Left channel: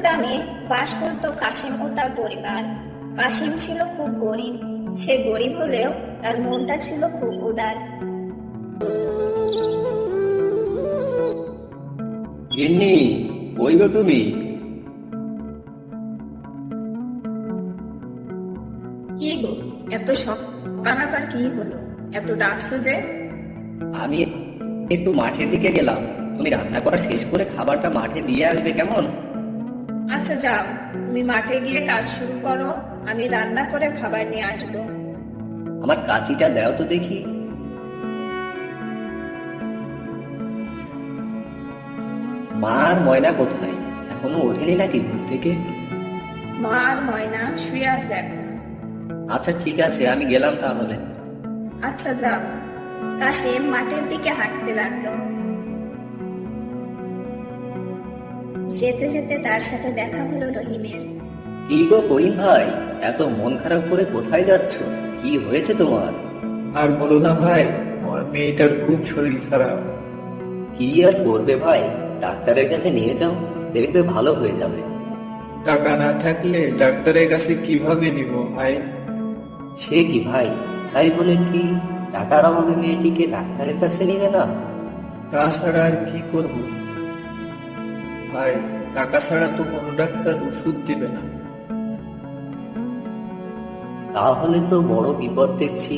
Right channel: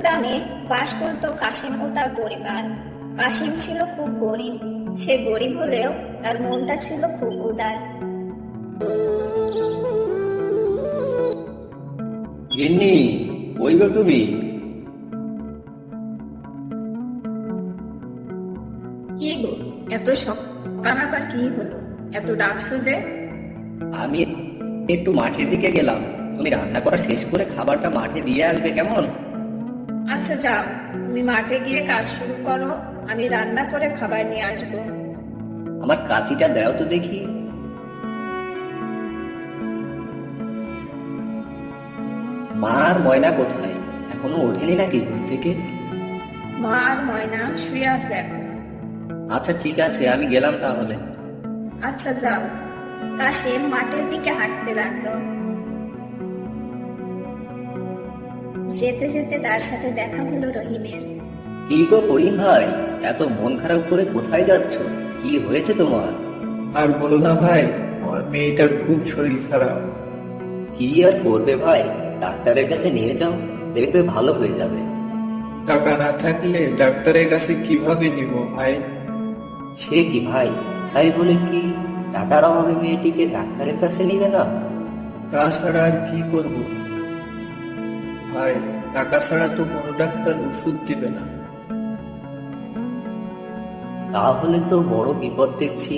গ্রামে বাস করত কাশিম ও তার পরিবার। কাশিম ছিল খুব গরিব। সে গরিব হলেও তার মনটা ছিল খুব উদার। গিন্নি, কই গো তুমি? কি গো, এত সকাল আবার কি হলো? এত ডাকছো যে? আমি একটু মাঠের দিকে গেলাম। তুমি রান্না করা শেষ করে খাবারটা মাঠে দিয়ে আসবে কেমন? আচ্ছা যাও, তুমি মাঠে গিয়ে কাজ শুরু করো, আমি রান্না করে খাবার নিয়ে আসবো। আমার কাঁচিটা দাও তো দেখি। মা আর ময়না কোথায়? এখনো ওঠেনি নাকি ঘুম থেকে? মা আর ময়না শুয়ে আছে এখন। আচ্ছা ঠিক আছে, আমি গেলাম তাহলে। আচ্ছা যাও। কাশিম মাঠের দিকে হাঁটতে লাগলো। যেতে যেতে তার সাথে দেখা হলো রহিমের। কি গো করিম ভাই, এত মন খারাপ করে কোথায় যাচ্ছ? কি হয়েছে তোমার? আর বলো না ভাই, আমার মেয়েটার খুব শরীর খারাপ। কি আর করবে ভাই, ডাক্তারের কাছে নিয়ে যাও, দেখবে ভালো হয়ে যাবে। টাকা না থাকলে ডাক্তারের কাছে কিভাবে নিব ভাই? সে কি ভাই, তাই বলে কি টাকার অভাবে মেয়েটিকে ডাক্তারের কাছে নিবে না? তাছাড়া আর কি করব ভাই? টাকা ছাড়া তো কোনো ডাক্তার ওষুধ দিবে না। তাহলে তো বড় বিপদ দেখছি।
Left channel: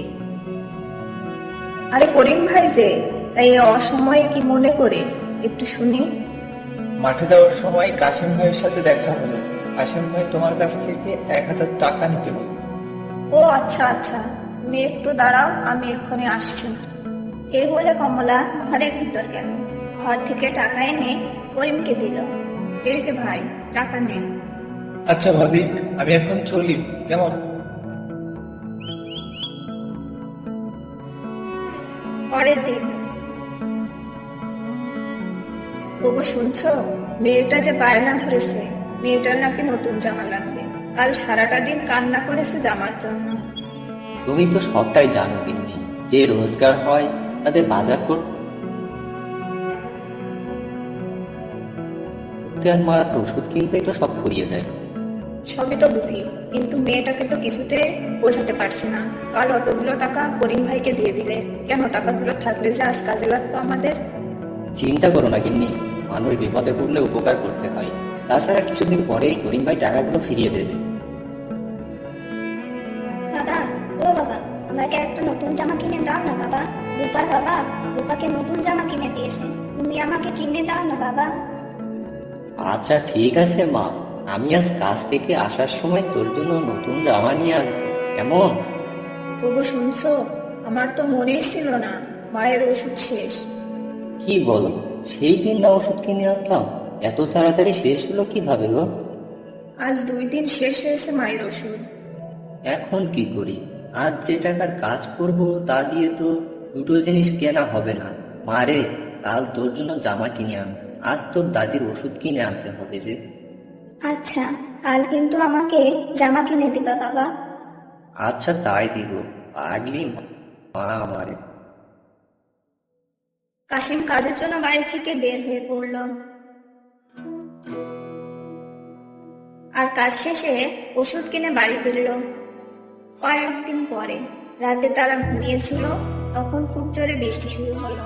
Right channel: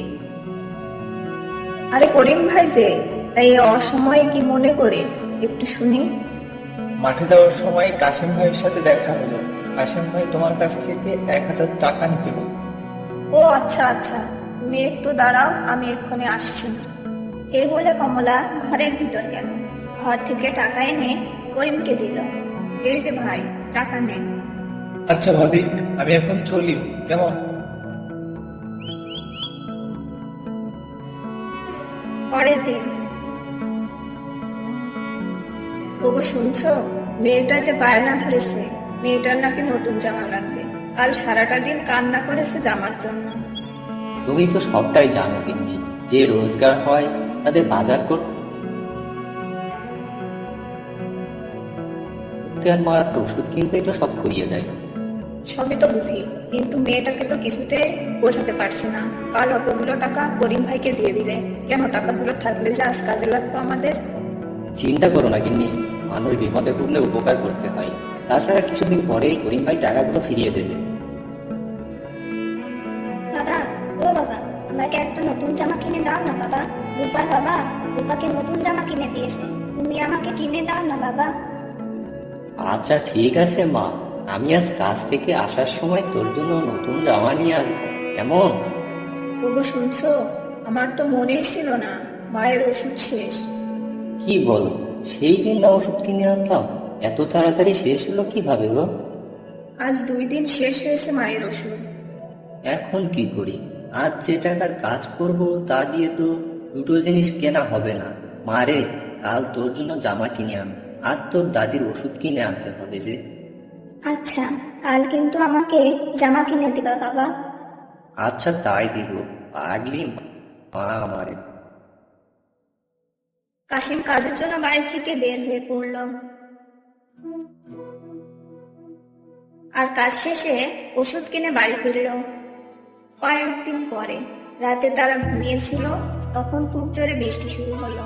আরে করিম ভাই যে, তাই অসময়ে কি মনে করে একটু শুনি। মাঠে যাওয়ার সময় কাশিম ভাইয়ের সাথে দেখা হলো। কাশিম ভাই তোমার কাছ থেকে 1,000 টাকা নিতে বলল। ও আচ্ছা আচ্ছা, তুমি একটু দাঁড়াও, আমি এক্ষুনি আসছি। এই বলে কমলা ঘরের ভিতর গেল। ঘর থেকে টাকা এনে করিমকে দিল। এই যে ভাই, টাকা নেন। আচ্ছা ভাবি, আমি এখন চলি কেমন? পরের দিন। ওগো শুনছো, মেয়েটা যে বায়না ধরেছে, মেয়েটার নাকি নতুন জামা লাগবে। কাল সারাটা দিন কান্না করেছে জামার জন্য। তুমি তো সবটাই জানো কিন্তু, যে রোজগার হয় তাদের বাজার করতে আর মার ওষুধ কিনতে এটা সব করিয়ে যায়। সবই তো বুঝি, কিন্তু মেয়েটাকে তো কিছুতে বোঝাতে পারছি না। আর অতগুলো টাকা করিম ভাইকে দিয়ে দিলে কেন? টাকাগুলো থাকলে যে আজ কাজে লাগতো আমাদের। চিন্তা করো না গিন্নি, মানুষ বিপদে পড়লে উপকার করতে হয়। তাছাড়া কিছুদিন পরেই করিম ভাই টাকাগুলো ফিরিয়ে দেবে। বাবা, ও বাবা, আমাকে একটা নতুন জামা কিনে দাও না বাবা। আর বাবা, রূপাকে নতুন জামা কিনে দিয়েছে, তুমি আমাকে কিনে দাও না বাবা। আচ্ছা ঠিক আছে মা, আমি আজ কাজ থেকে আসার সময় তোর জন্য নতুন জামা নিয়ে আসবো কেমন? ওগো শুনছো, আমার তো মনেই ছিল না মায়ের ওষুধ শেষ। কি বলো, সেই দিন না ওষুধ কিনে আনলাম, এত তাড়াতাড়ি শেষ হলো কিভাবে গো? আজ 2 দিন শেষ হয়েছে মায়ের ওষুধ। এখন কি করি? আজ যে টাকার কাজ করব তা দিয়ে তো দুটো জিনিস কেনা হবে না। মারে, কাল তোর জন্য জামা কিনে আন, আজ তোর দাদির ওষুধ কিনে আনতে হবে যে। আচ্ছা, কাল কিন্তু আমাকে জামা কিনে দিবা বাবা। আচ্ছা তাই দিব, আগলি মা আমারে। কাশিম কাজের জন্য বাড়ি থেকে বের হয়ে পড়ল। আর কাজ শেষে ওষুধ কিনে বাড়ি ফিরল। কয়েকদিন পরে রাতে তারা ঘুমিয়েছিল, তখন খুব জোরে বৃষ্টি শুরু হলো।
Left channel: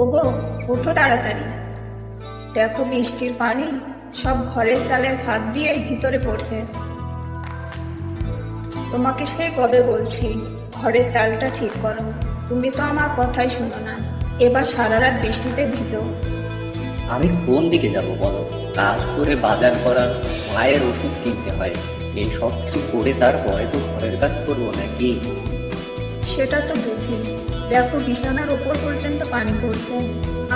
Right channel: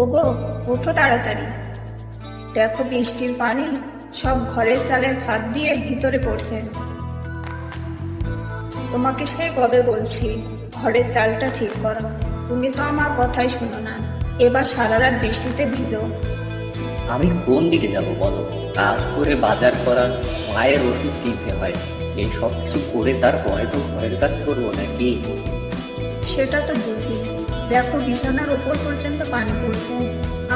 ওগো উঠো তাড়াতাড়ি, দেখো বৃষ্টির পানি সব ঘরের চালের ফাঁক দিয়ে ভিতরে পড়ছে। তোমাকে সেই কবে বলছি ঘরের চালটা ঠিক করো, তুমি তো আমার কথাই শোনো না। এবার সারা রাত বৃষ্টিতে ভিজো। আমি কোন দিকে যাব বলো? কাজ করে বাজার করা, মায়ের ওষুধ কিনতে হয়, এই সব কিছু করে তারপরে তো ঘরের কাজ করবো নাকি? সেটা তো বুঝি, দেখো বিছানার উপর পর্যন্ত পানি পড়ছে।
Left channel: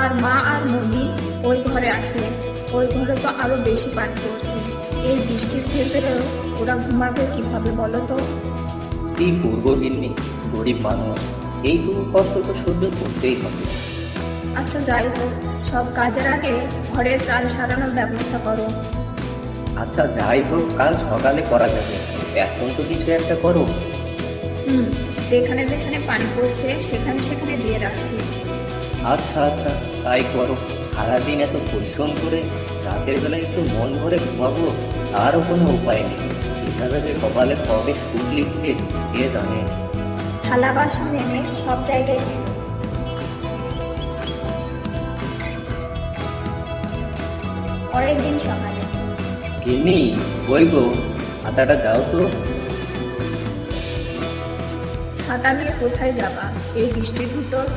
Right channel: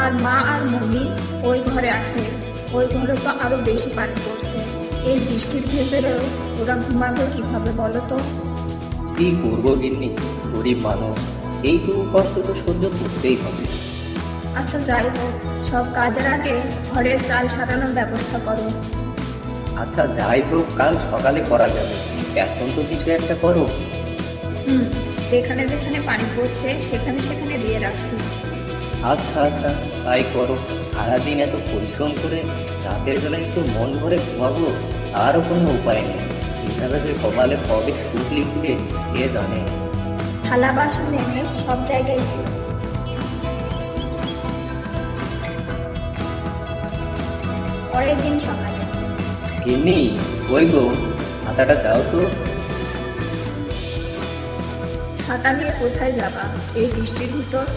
আর মা আর মম্মি ওই ঘরে আছে, ওই ঘরে তো আরো বেশি পানি পড়ছে। এই বৃষ্টির ভেতরেও ওরা ঘুমাবে কিভাবে বলো তো? কি করবো গিন্নি, গরিব মানুষ, এইটুকু কষ্ট তো সহ্য করতেই হবে। আচ্ছা যাই হোক, সব কাজের আগে ঘরের চাল সারানোর ব্যবস্থা করো। আচ্ছা যাই হোক, কাল সকালে করা যাবে, এখন তো কিছু একটা করো। যেখানে যেখানে পানি পড়ছে সেখানে সেখানে দিয়ে রাখছি। আচ্ছা আচ্ছা, তাই করো। সারাদিন এত পরিশ্রম করে রাতের বেলা একটু মন ভরে ঘুমাবো, তারও কোনো উপায় নেই। এখানে সকালে কবে ফুটিয়ে ফুটে কে জানে। থালা বাসন এনে সব জায়গায় রেখে। পরের দিন সকালে তুমি ওই গো, হাতাটা দাও তো। ছাতা নিয়ে কোথায় যাবা এই বৃষ্টির ভিতর?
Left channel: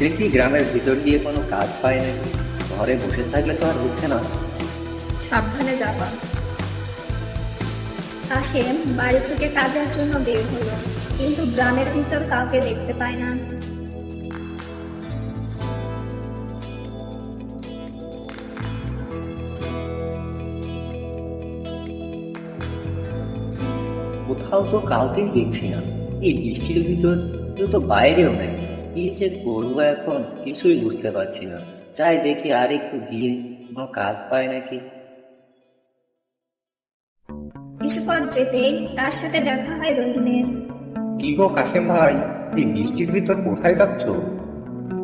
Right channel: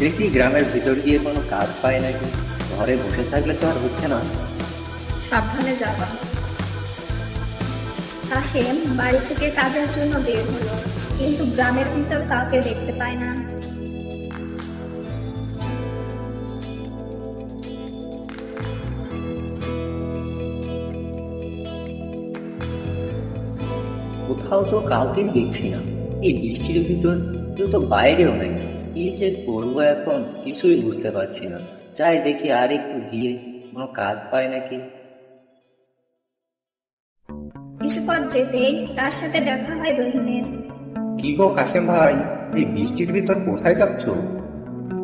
দেখি গ্রামের ভিতর দিয়ে কোনো কাজ পাই নাকি, ঘরে বসে থাকলে তো আর হচ্ছে না। সাবধানে যাবা। কাশেম বাড়ি থেকে কাজের জন্য বের হলো, কিন্তু গ্রামের ভিতর কাউকে দেখতে পায় না। কোথাও তো কাউকে দেখছি না এই বৃষ্টির ভিতর, কিন্তু বাইরেও নাই। কি যে করবো এখন কিছুই বুঝতে পারছি না। যাই দেখি আর একটু গিয়ে কোনো কাজ পাই নাকি। কিছু পথ যেতেই তার সাথে দেখা হয় রহিমের। কি গো কাশেম ভাই, এই বৃষ্টির ভিতর কোথায় যাচ্ছ?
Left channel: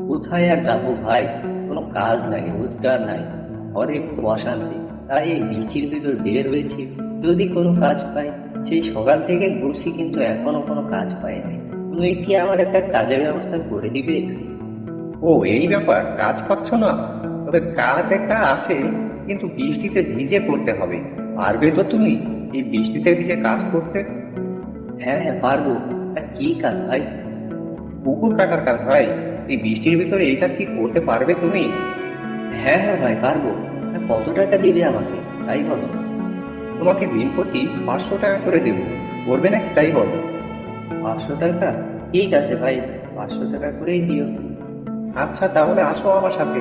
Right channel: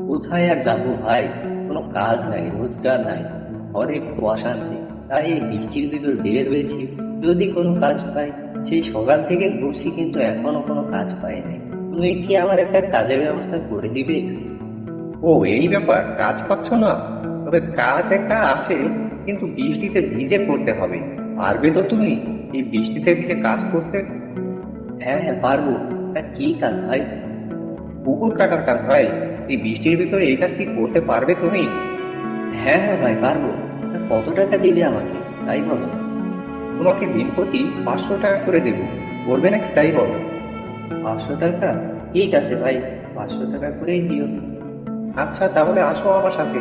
কোথায় আর যাবো ভাই, কোনো কাজ নাই, রোজগার নাই, ঘরে একটু অশান্তি, তাই এই বৃষ্টির ভিতর বের হয়েছি। যদি কোনো কাজ পাই। সেই সকাল থেকে করছি, কিন্তু এখনো কোনো কাজ পাই নাই। তুই কি আমার একটা কাজের ব্যবস্থা করে দিবে? ও এই ব্যাপার, কাজ পাচ্ছ না? তবে কাজ একটা আছে, কিন্তু বৃষ্টিতে ভিজে করতে হবে। পারবে তো তুমি এই বৃষ্টিতে ভিজে কাজ করতে? হ্যাঁ হ্যাঁ পারবো। তা কি কাজ ভাই? পুকুর কাটার কাজ ভাই। এই বৃষ্টির ভিতরে এই কাজ কি করতে পারবে তুমি? হ্যাঁ হ্যাঁ ভাই পারবো। তা কত টাকা দিবে আমাকে তাই বলো। তোমাকে দিন প্রতি 500 টাকা করে দেবো, করবে নাকি তাই হবে? 500 টাকা? ঠিক আছে ভাই, 500 টাকা করেই নিও। আচ্ছা তাহলে আসো আমার সাথে।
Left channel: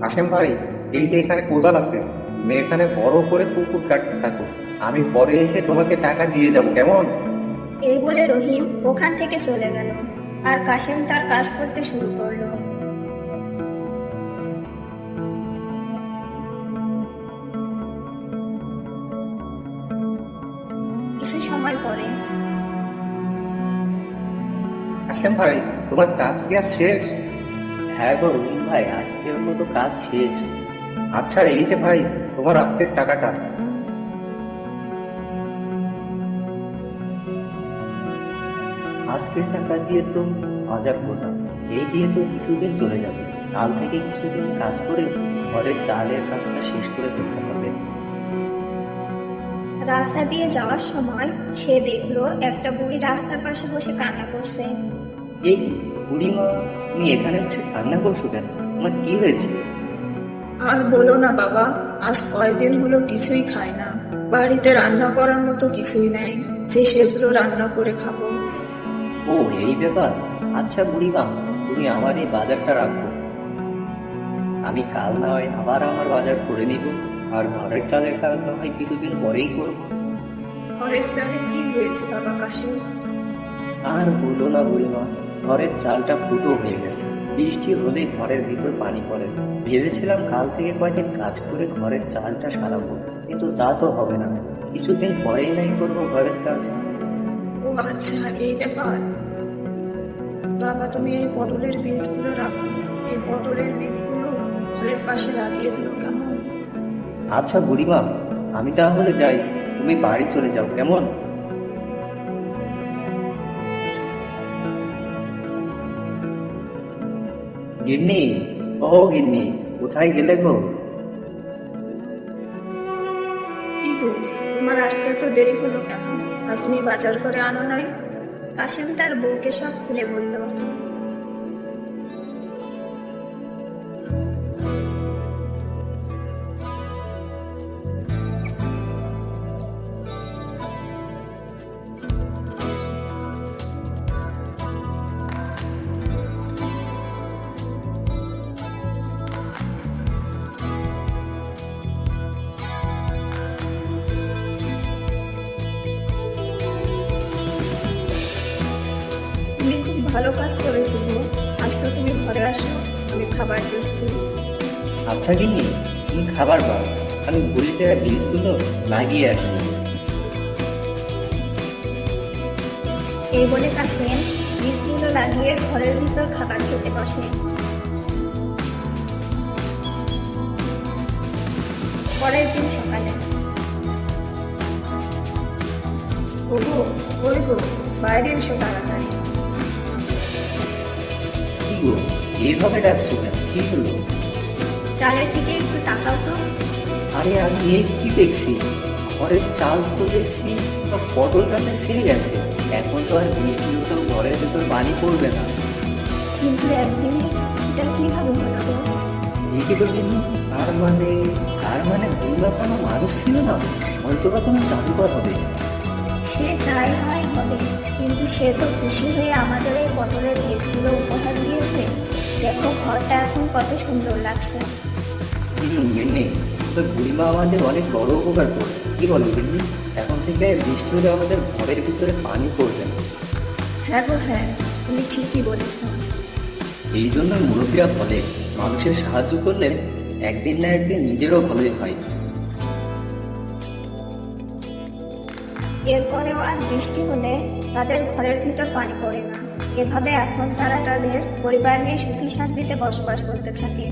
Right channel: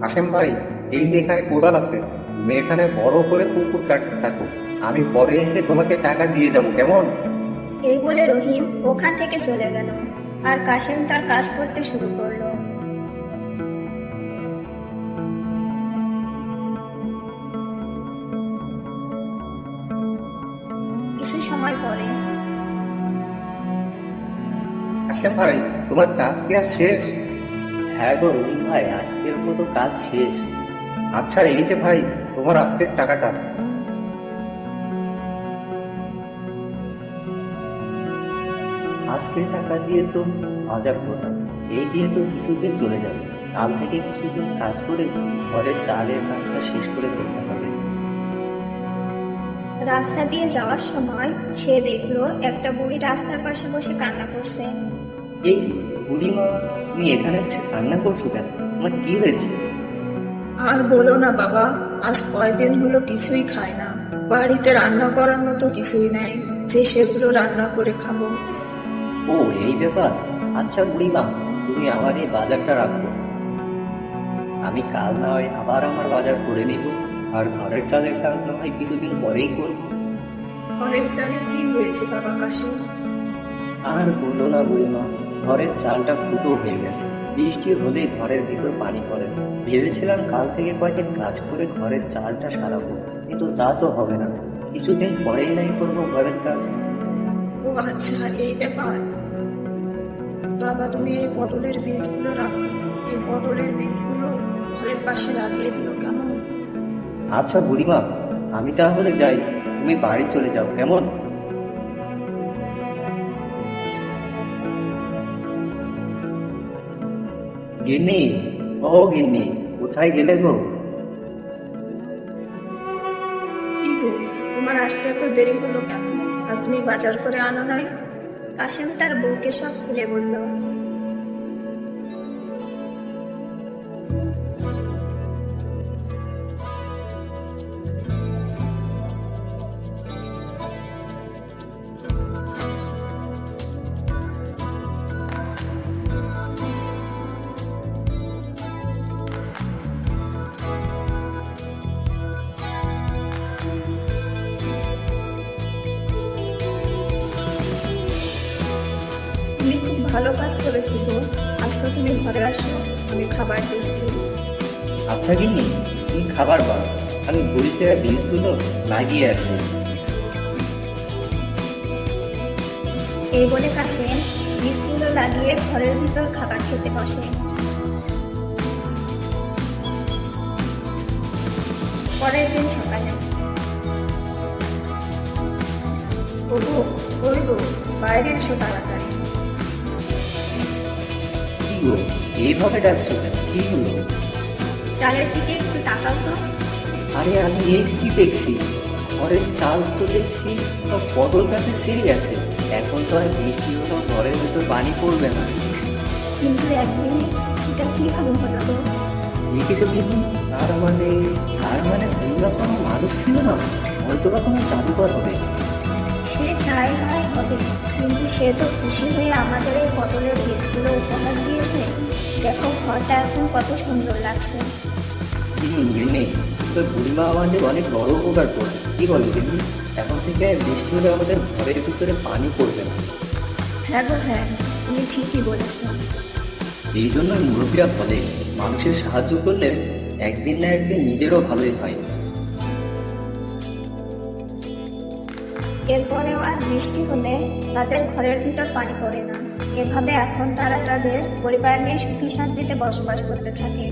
কাশেম ভাই, এই যে এখানে কোদাল আছে, তুমি এখানে বড় করে পুকুর কাটতে থাকো, আমি পরে এসে তোমাকে টাকা দিয়ে যাবো, কেমন? এই বলে রহিম ওখান থেকে চলে গেল, আর কাশেম তার কাজ করতে শুরু করলো। কিছু সময় পরে কাশেম ভাই, তোমার কাজ কি আজ শেষ? হ্যাঁ গো রহিম ভাই, আজকে আমার কাজ শেষ। আচ্ছা এই যে ভাই, তোমার আজকের টাকাটা। আজকের টাকা দিয়ে তো বাজার করলাম, এই দিয়ে তো কিছুদিন চলে যাবে। কাল থেকে কিছুদিন কাজ করে ঘরের চালের কাজটা শেষ করে ফেলতে হবে। রাস্তা দিয়ে যাওয়ার সময় সে দেখলো একটা বুড়ি রাস্তার পাশে বসে কান্না করছে। এই বুড়িমা, তুমি এখানে বসে কান্না করছো কেন? তোমার কি হয়েছে? আর বলো না বাবা, আজ কয়েকদিন হলো কিছুই খাই না। বাড়িতে রান্না করার মতো কিছুই নেই যে সেগুলো রান্না করে খাবো। ও এই ব্যাপার। আচ্ছা বুড়িমা, তুমি আমার এই বাজারটা রাখো, আমি কাল না হয় আবার আমার বাজার করে নিব। আর ঘরের চালের কাজ না হয় কিছুদিন পরেই করবো। ঘরের চালে কি হয়েছে বাবা কাশি? আর বললো না বুড়িমা, ঘরের চালটা ফুটো হয়ে গেছে। বৃষ্টি হলে ঘরের ভিতর পানি পড়ে। ভেবেছিলাম কাল থেকে কয়েকদিন কাজ করে ঘরের চালটা সারাবো, কিন্তু তা তো হবে না। কিছুদিন পরেই নাই করবো ঘরের কাজ। ও আচ্ছা, এই ব্যাপার। বাবা তুমি এই পটলের বীজগুলো রাখো, এই পটলের বীজগুলো ঘরের পাশে লাগিয়ে দিও কেমন? আচ্ছা বুড়িমা, আমি তাহলে যাই, তুমি বাড়ি চলে যাও, কেমন? গিন্নি, ও গিন্নি, কোথায় গেলে গো? কি গো, তোমার আসতে এত দেরি হলো কেন? আর তুমি বাজার করে আনো নাই? কাশেম তার বউকে সব খুলে বলল। তুমি খুব ভালো কাজ করেছো বউ। আজকে তুমি ঘরে আসো, আমি খাবার দিচ্ছি। আচ্ছা গিন্নি, তুমি খাবার দাও, আমি বুড়িতে বীজগুলো লাগিয়ে আছি। এই বলে কাশিম বীজগুলো লাগিয়ে ঘরের ভিতর খাবার খেতে বসে। পরের দিন সকালে ওগো, ওই গো, বাইরে এসো তাড়াতাড়ি। কি গো, এভাবে ডাকছো কেন? কি হলো? চালের দিকে একটু তাকাও তো। আরে আমি এই কি দেখছি, ঘরের চাল তো দেখছি তো পটল গাছে ছিঁড়ে গেছে। এখন তো আর বৃষ্টি উঠা ঘরের ভেতর পানি পড়বে না। কিন্তু একদিন এটা কিভাবে হলো গো? দেখে তো দেখি, আর মানে তোমরা কোনো মানুষ ছিল না, হয়তো বা কোনো জাদুকর হবে। সে চাই হয় হবে, কিন্তু সে তো খুশি হয়ে আমাদের এই বদলের বীজগুলো উপহার দিয়েছে। দেখো ঘরটা এখন কত সুন্দর লাগছে। এমনি তোর বুড়িমা আমাদের অনেক বড় উপকার করবে। কি বলো এমনি? এখন থেকে আর বৃষ্টি হলে আমাদের ঘরের ভিতরে পানি পড়বে না। হ্যাঁ গো হ্যাঁ, তুমি ঠিকই বলেছো। এই জন্য মুরব্বীরা বলে, মানুষের সাহায্য করলে একদিন না একদিন নিজেরও ভালো হয়। এরপরেও আর বৃষ্টি হলে তাদের ঘরের ভিতর পানি পড়ে না। এভাবে এখন তারা তাদের পরিবার নিয়ে সুখী শান্তিতে বসবাস করতে থাকে।